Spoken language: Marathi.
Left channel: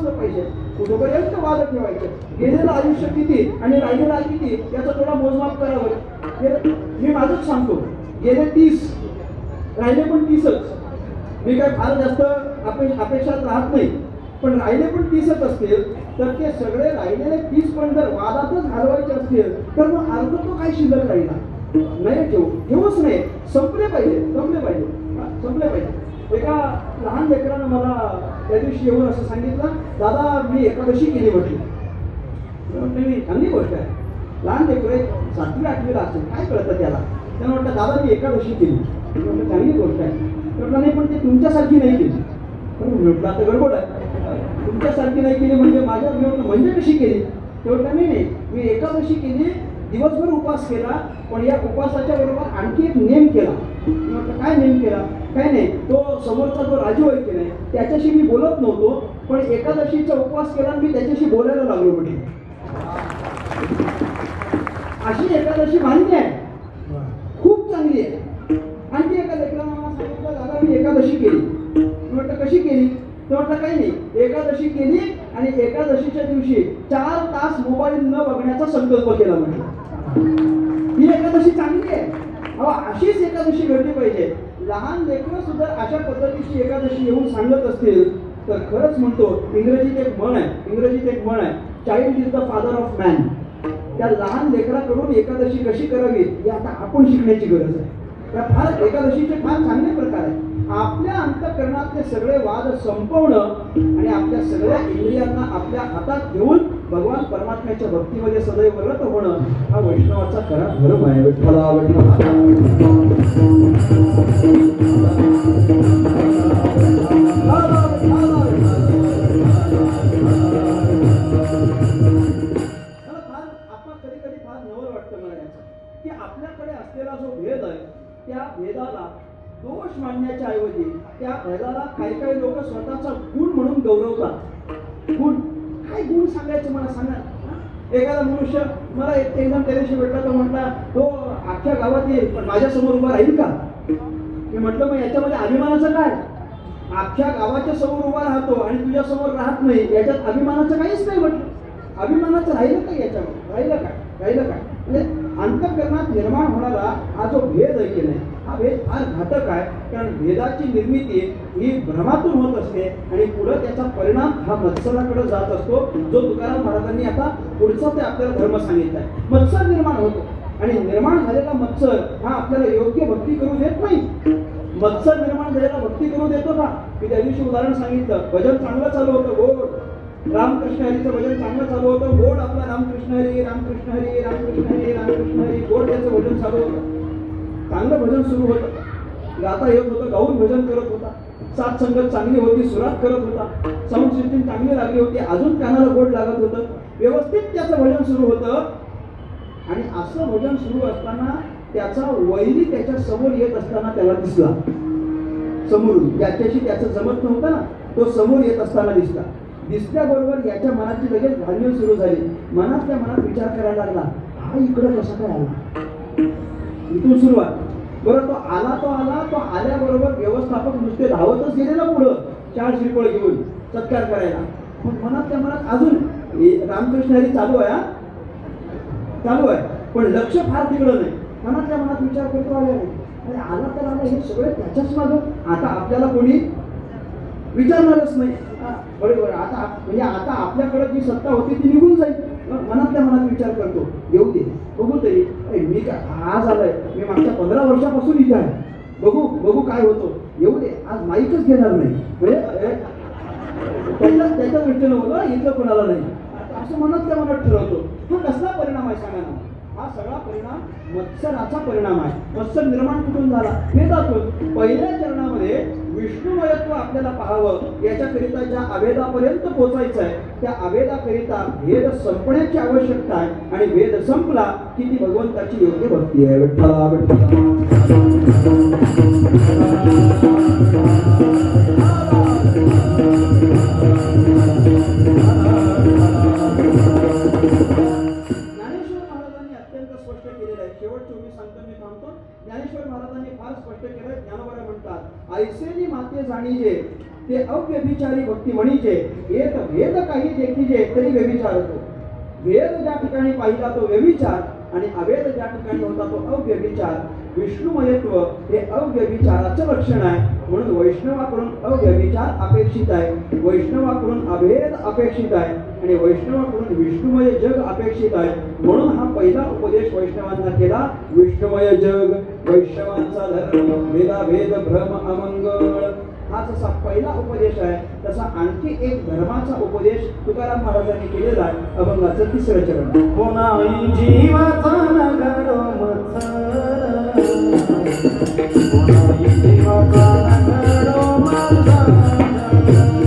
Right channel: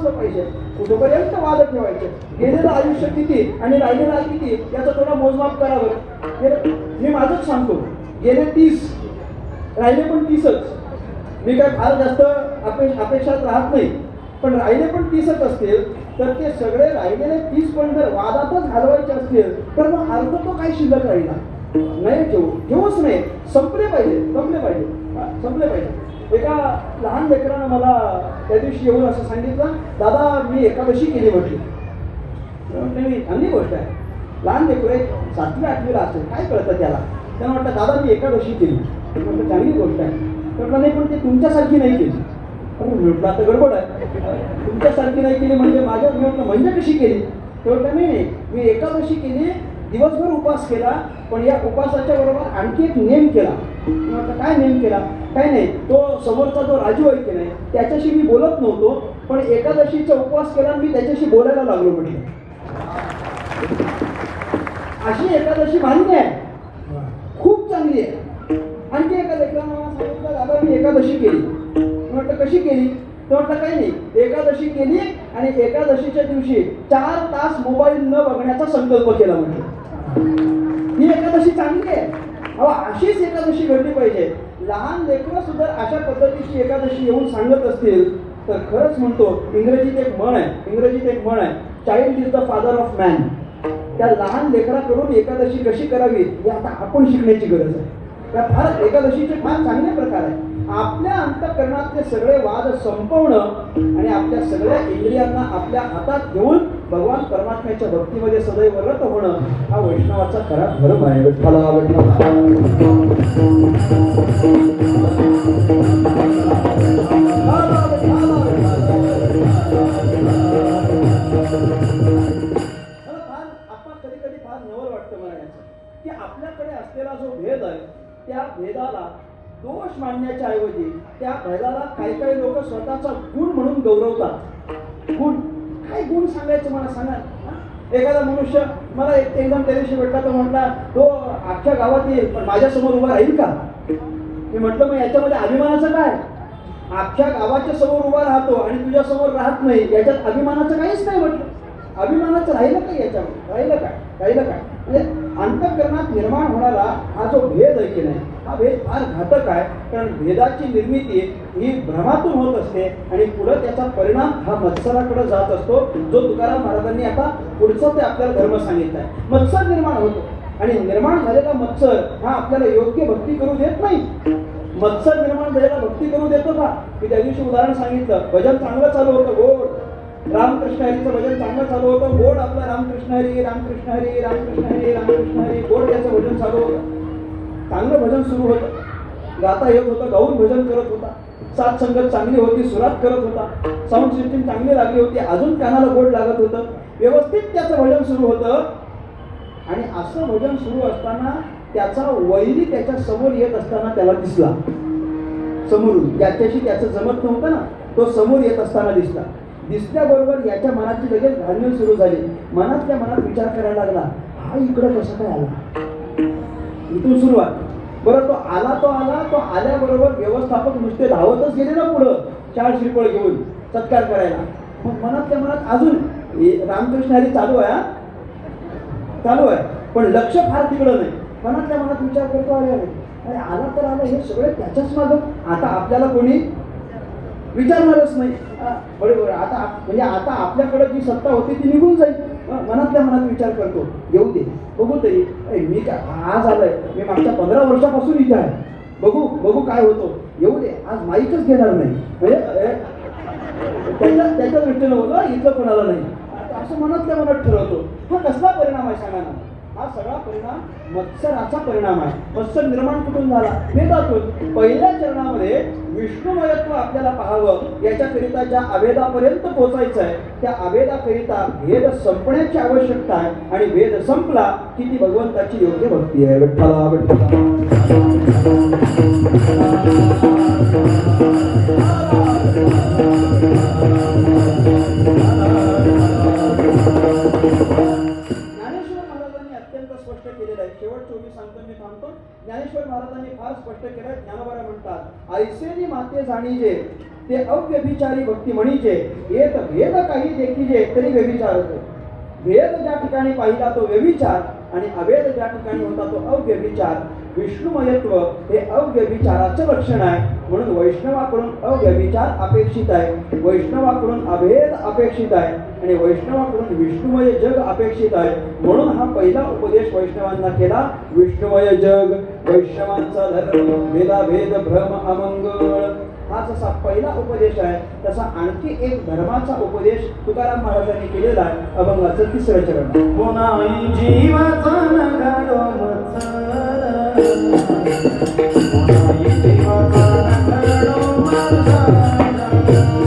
असलं पाहिजे. कुठपर्यंत वाद ठेवायचे? गेलेलं आयुष्य किती आणि राहिलेला किती? याचा थोडा मोजमाप करावं. हे मी माझंच सांगतो. गेले तीस. राहिले पण तीसच. मी काय फार जास्त अपे अपेक्षात राहत नाही. पण राहिले पण तीसच असतील तर ते सगळे राहिलेले तीस पण जर वादातच घालवायचे असतील तर मग अर्थ तो काय शिल्लक राहिला? नाही ठेवू ठेवूच नाही. संपले पाहिजे संपले पाहिजे. संपले पाहिजे. एका लहान लेकरानं मला त्या दिवशी येऊन असं सांगितलं दादा मी एकादशी केली म्हटली म्हटलं मी चांगली गोष्ट आहे. लहान लेकरं एक सातवी आठवीला असेल काय कळतं त्याला? त्याला म्हटलं दादा मी एकादशी केली. म्हटलं चांगली गोष्ट आहे. तर म्हटलं नाही पण ती तुमच्यासारखी नाही केली. म्हटलं आता गडबड आहे. तुमच्यासारखी नाही केली म्हणजे माझ्या म्हणजे कशी केली? तर म्हटलं नाही मी एकादशी केली दिवसभर उपास केला पण या उपासाच्या बरोबर आणखी एक नेम केला. काय नेम केला? काय नाही तो समोरचा जो राजू आहे की नाही त्याच्याशी मी बोलत नव्हतो पण एकादशीचा उपवास केला मी त्याच्याशी बोलायला लागलो म्हटलं. अशी एकादशी मान्य आहे. खूप चांगली आहे. आणखी एका दादा मी एकादशी केली. म्हटलं कशी केली? तर म्हटलं काही नाही एकादशी केली आणि एकादशीच्या दिवशी चार तास मोबाईल न बघण्याचा संकल्प केला म्हटलं. ही एकादशी चांगली आहे. अहो अशीच एकादशी घडली पाहिजे. लहान लेकरं सुद्धा अशा पद्धतीची एकादशी येऊन सांगत असतील तर खरंच म्हणतो इंग्रजीत एक म्हण आहे इंग्रजीत एक म्हण आहे child is the father of man त्या लहान लेकराकडून एकादशी कशी करावी हे आता आपण शिकण्याची गरज आहे. त्या फार एकादशीचे फार चांगले प्रकार आहे आपल्या अंतकरणातले सगळे वाद संपवणं आणि आपल्या सगळ्या इंद्रियांना आपल्या हातात घेऊन भगवान परमात्म्याच्या भक्तीमध्ये सदैव रत होणं हा वैष्णवाचा खरा धर्म आहे. विठ्ठला कधी कधी फार नवल वाटतं मला याचं आपल्याकडे असलेला जो भेद आहे त्या भेदाला दोष मानण्याच्या ऐवजी त्या भेदाला काही काही लोक स्वतःचा गुण म्हणून गौरवतात. गुण काय गुण सांगायचं मला सांगा. एखादा मनुष्य मला एक एकदम त्या दिवशी भेटला तो म्हटला हो, तो अख्ख्या गावात येईल पण माझ्यासमोर उभा राहील का? मी म्हटलं मग याच्यामध्ये अभिमानाचं काय? अख्ख्या गावाच्या समोर उभा राहतो आणि तुझ्या समोर राहत नाही याच्यात अभिमानाचं काहीच नाही म्हटलं. अभिमानाचं राहिलं काय याच्यामध्ये राहिलं काय राहिलं काय म्हणजे अंतकरणात निर्माण होणारा हा जो भेद आहे की नाही हा भेद फार घातक आहे. कारण भेदाची निर्मिती ही भ्रमातून होत असते आणि पुढे त्याचा परिणाम हा मत्सराकडे जात असतो जो तुकाराम महाराजांनी आता पुढचा ते आपल्याला धर्म सांगितला. आहे. मत्सर निर्माण होतो. आणि निर्माण झालेला मत्सर हा आपल्याला योग्य भक्ती करू देत नाही. मत्सर निर्माण झालेला भक्ती करू देतो का? मी त्या दिवशी उदाहरण सांगितलं. भजन चांगलं चालू होतं गोड. रामकृष्ण हरीचं भजन चांगलं चालू होतं गोड आपलं रामकृष्ण हरी रामकृष्ण हरी रामकृष्ण हरी रामकृष्ण हरी गोड त्याचं भजन चालू होतं. चांगलं भजन सुरू होतं. गाता येत होतं गाऊन भजन करत होता. सात संगत चांगली होती सुरात करत होता. साऊंड सिस्टीम चांगली लागली होती. अजून कानाला गोड लागत होतं. व्यवस्थित त्याचं भजन सुरू होतं. आणि असं भजन सुरू असताना त्याचा वैरी त्याच्यासमोर येत असताना त्याला दिसला. समोरून. त्याच्याशी त्याचं जमत नव्हतं ना. तो समोर येत असताना दिसला. दिसल्याबरोबर याच्या मनाची लगेच घालमेल सुरू झाली. मनात त्या मनात विचार करायला लागला हा इकडं कसं काय आला? इथून सुरुवात. बरं तो आला तो आला तो आल्याबरोबर व्यवस्थापक नुसते धावतच गेले ना पुढं. चार श्रीफळ घेऊन सत्कार करायला. मग मनातल्या मनात अजून रामकृष्ण हरी चालू आहे हा? चालू आहे. पण लक्ष फार तिकडं नाही. मनातल्या मनात विचार करतो अरे अरे आला तर आला हे सगळे त्याच्याच मागं. आता आपल्याला कोणी विचारणारच नाही. बरोबर. आता म्हणजे आता आपल्याकडे जी सत्ता होती ती निघून जाईल. मनातल्या मनात विचार करतो. येऊ दे. बघू तरी. अरे मी काय आज आलोय मी मागच्या पंधरा वर्षापासून इथे आहे. बघू बघू काय होतो. येऊ दे. आज माईकच घेणार नाही. म्हणजे अरे, त्याच्या त्याच्या दृष्टीनं होतं इथलं कोणाला नाही. आता असं मनात त्या मनात ठरवतो. हा कसला परिणाम आहे सांगा ना? हा सगळा परिणाम मत्सराचा परिणाम आहे. मत्सर निर्माण कुठून झाला? वेदातून. पहिल्या चरणामध्ये विष्णुमयत्व आपल्याला पाहावं याच्याकरिता ज्या आवेदापर्यंत पोहोचायचं आहे त्या आवेदाकरिता भेद संपण्याची आवश्यकता आहे. आणि भेद संपला की ती भगवंताची योग्य भक्ती आहे. विठ्ठला विठ्ठला. अत्यंत स्पष्ट केलेलं आहे. शेवट चोवीस सांगतो मी थांबतो. ज्ञानेश्वर महाराजांनी फार स्पष्ट केलं ज्ञानोबरा म्हणतात ऐसेनी माते जाणीजे ते अव्यभिचारी भक्ती म्हणीचे येत भेद काही देखीजे तरी व्यभिचार होतो. भेद ज्या ठिकाणी पाहिला तो व्यभिचार आणि अभेद ज्या ठिकाणी होता तो अव्यभिचार. विष्णुमयत्व हे अव्यभिचाराचं लक्षण आहे. म्हणून वैष्णवाकडून अव्यभिचार अपेक्षित आहे. वैष्णवाकडून अभेद अपेक्षित आहे. आणि वैष्णवाकडून विष्णुमय जग अपेक्षित आहे. म्हणून हा पहिला उपदेश वैष्णवांना केला विष्णुमय जग वैष्णवांचा धर्म भेदाभेद भ्रम अमंगळ हा जसा पहिला उपदेश आहे. तसा आणखी एक धर्माचा उपदेश तुकाराम महाराजांनी केलेला आहे. अभंगाचं तिसरं चरण. पुन्हा जीवाचा